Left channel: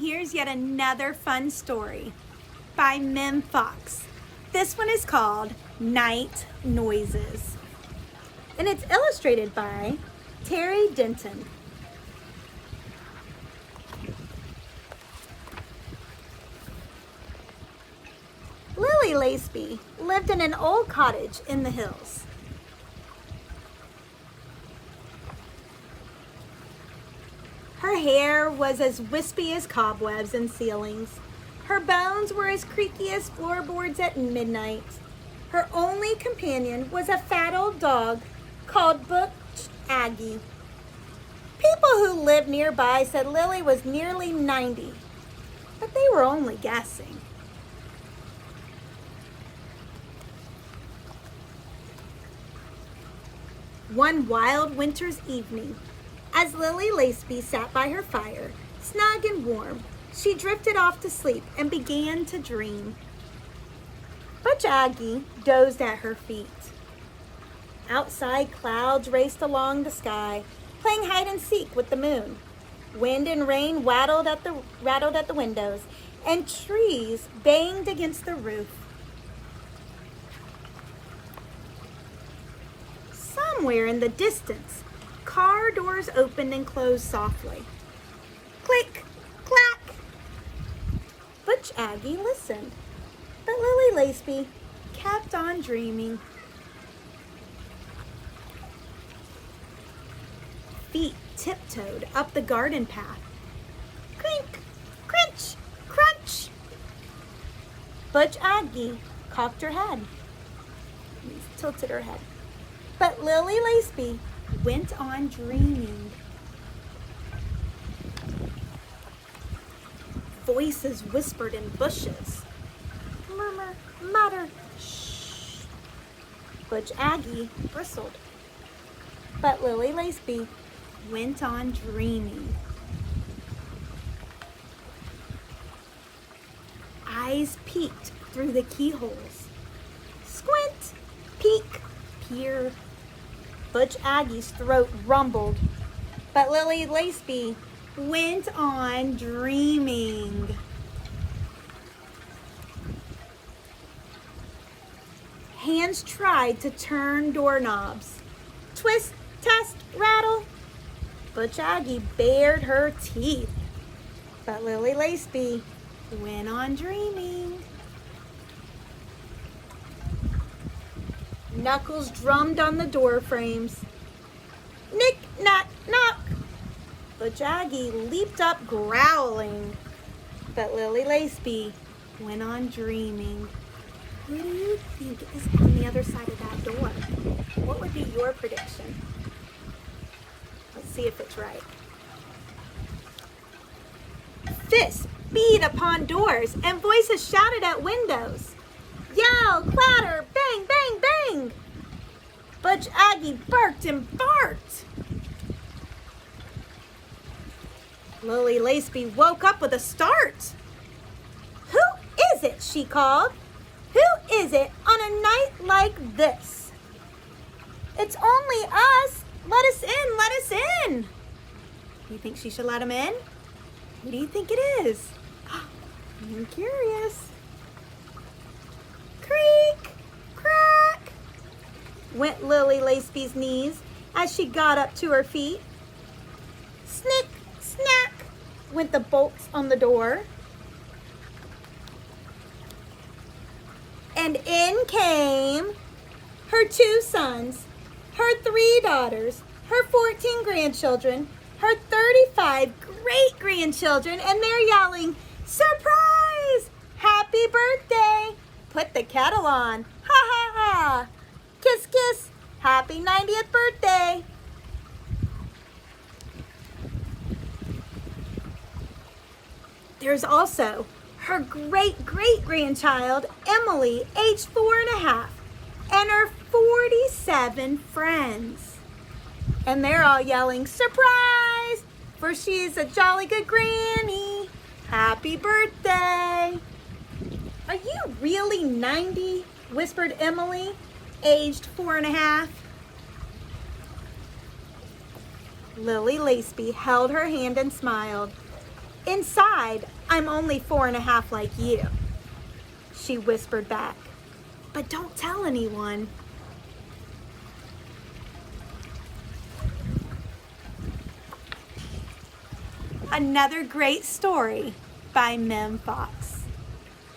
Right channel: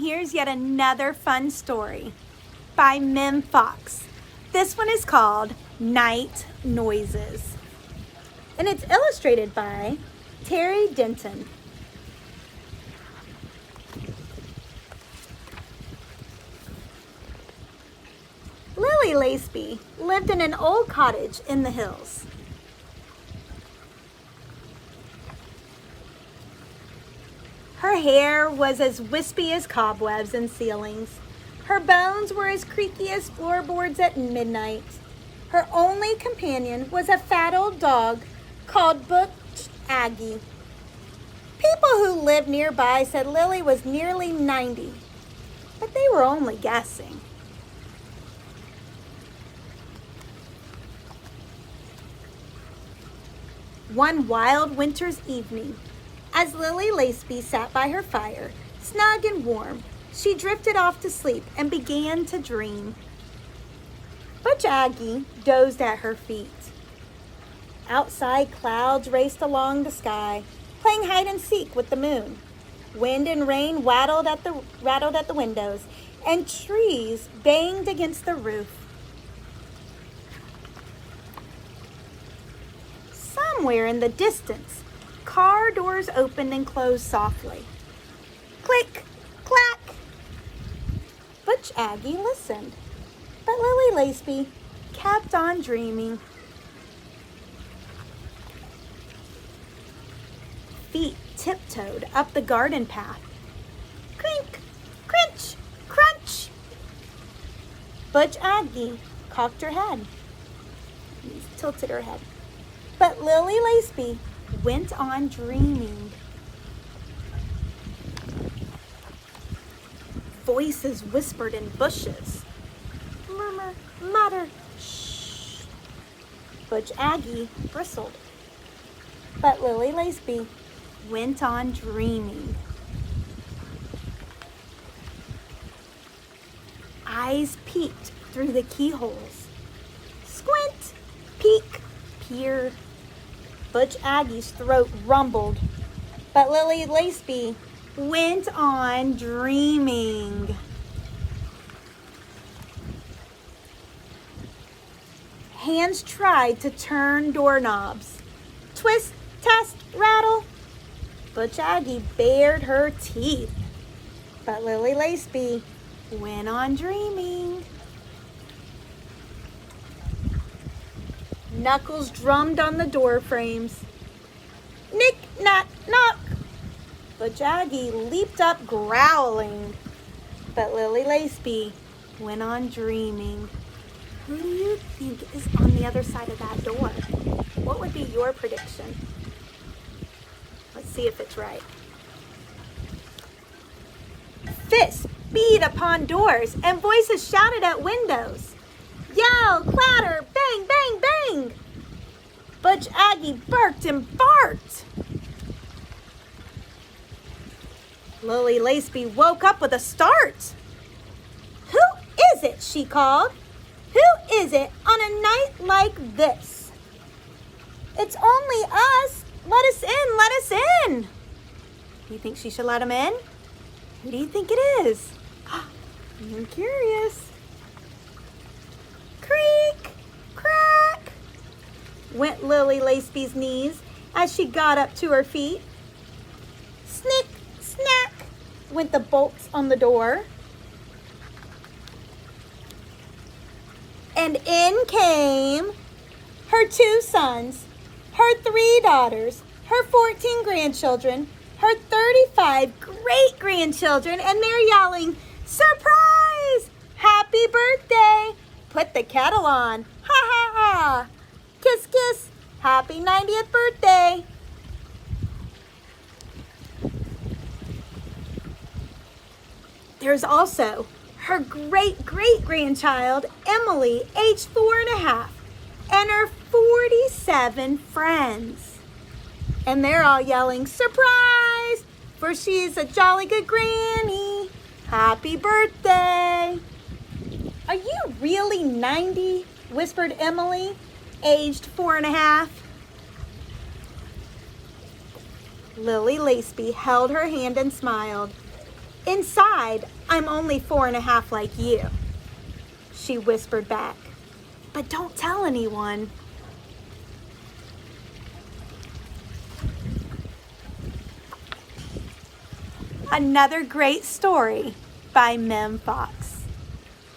here's yet another fun story by Mem Fox. This one is called Night Noises, and it's illustrated by Terry Denton. Lily Laceby lived in an old cottage in the hills. Her hair was as wispy as cobwebs and ceilings. Her bones were as creaky as floorboards at midnight. Her only companion was a fat old dog called Butch Aggie. People who lived nearby said Lily was nearly 90, but they were only guessing. One wild winter's evening, as Lily Laceby sat by her fire, snug and warm, she drifted off to sleep and began to dream. Butch Aggie dozed at her feet. Outside, clouds raced along the sky, playing hide and seek with the moon. Wind and rain rattled at the windows, and trees banged against the roof. Somewhere in the distance, car doors opened and closed softly. Click, clack. Butch Aggie listened, but Lily Laceby kept on dreaming. Feet tiptoed up the garden path. Crink, crunch, crunch. Butch Aggie cocked her head, tilted her head. But Lily Laceby went on dreaming. Voices whispered in bushes. Murmur, mutter, shh. Butch Aggie bristled. But Lily Laceby went on dreaming. Eyes peeked through the keyholes. Squint, peek, peered. Butch Aggie's throat rumbled, but Lily Laceby went on dreaming. Hands tried to turn doorknobs. Twist, test, rattle. Butch Aggie bared her teeth, but Lily Laceby went on dreaming. Knuckles drummed on the door frames. Nick, knock, knock. Butch Aggie leaped up growling, but Lily Laceby went on dreaming. Who do you think is on the other side of that door? What would be your prediction? Let's see if it's right. Fists beat upon doors and voices shouted at windows. Yell, clatter, bang, bang, bang. Butch Aggie barked and barked. Lily Laceby woke up with a start. Who is it? She called. Who is it on a night like this? It's only us. Let us in, let us in. You think she should let him in? Who do you think it is? I'm curious. Creak, crack, went Lily Laceby's knees as she got up to her feet. Snick, snack, went the bolts on the door. And in came her 2 sons, her 3 daughters, her 14 grandchildren, her 35 great-grandchildren, and they're yelling, "Surprise! Happy birthday! Put the kettle on! Ha ha ha! Kiss kiss! Happy 90th birthday!" There's also her great-great-grandchild, Emily, aged 4.5, and her 47 friends. And they're all yelling, "Surprise! For she's a jolly good granny! Happy birthday!" "Are you really 90? Whispered Emily, aged 4.5. Lily Laceby held her hand and smiled. Inside, I'm only 4.5 like you, she whispered back. But don't tell anyone. Another great story by Mem Fox.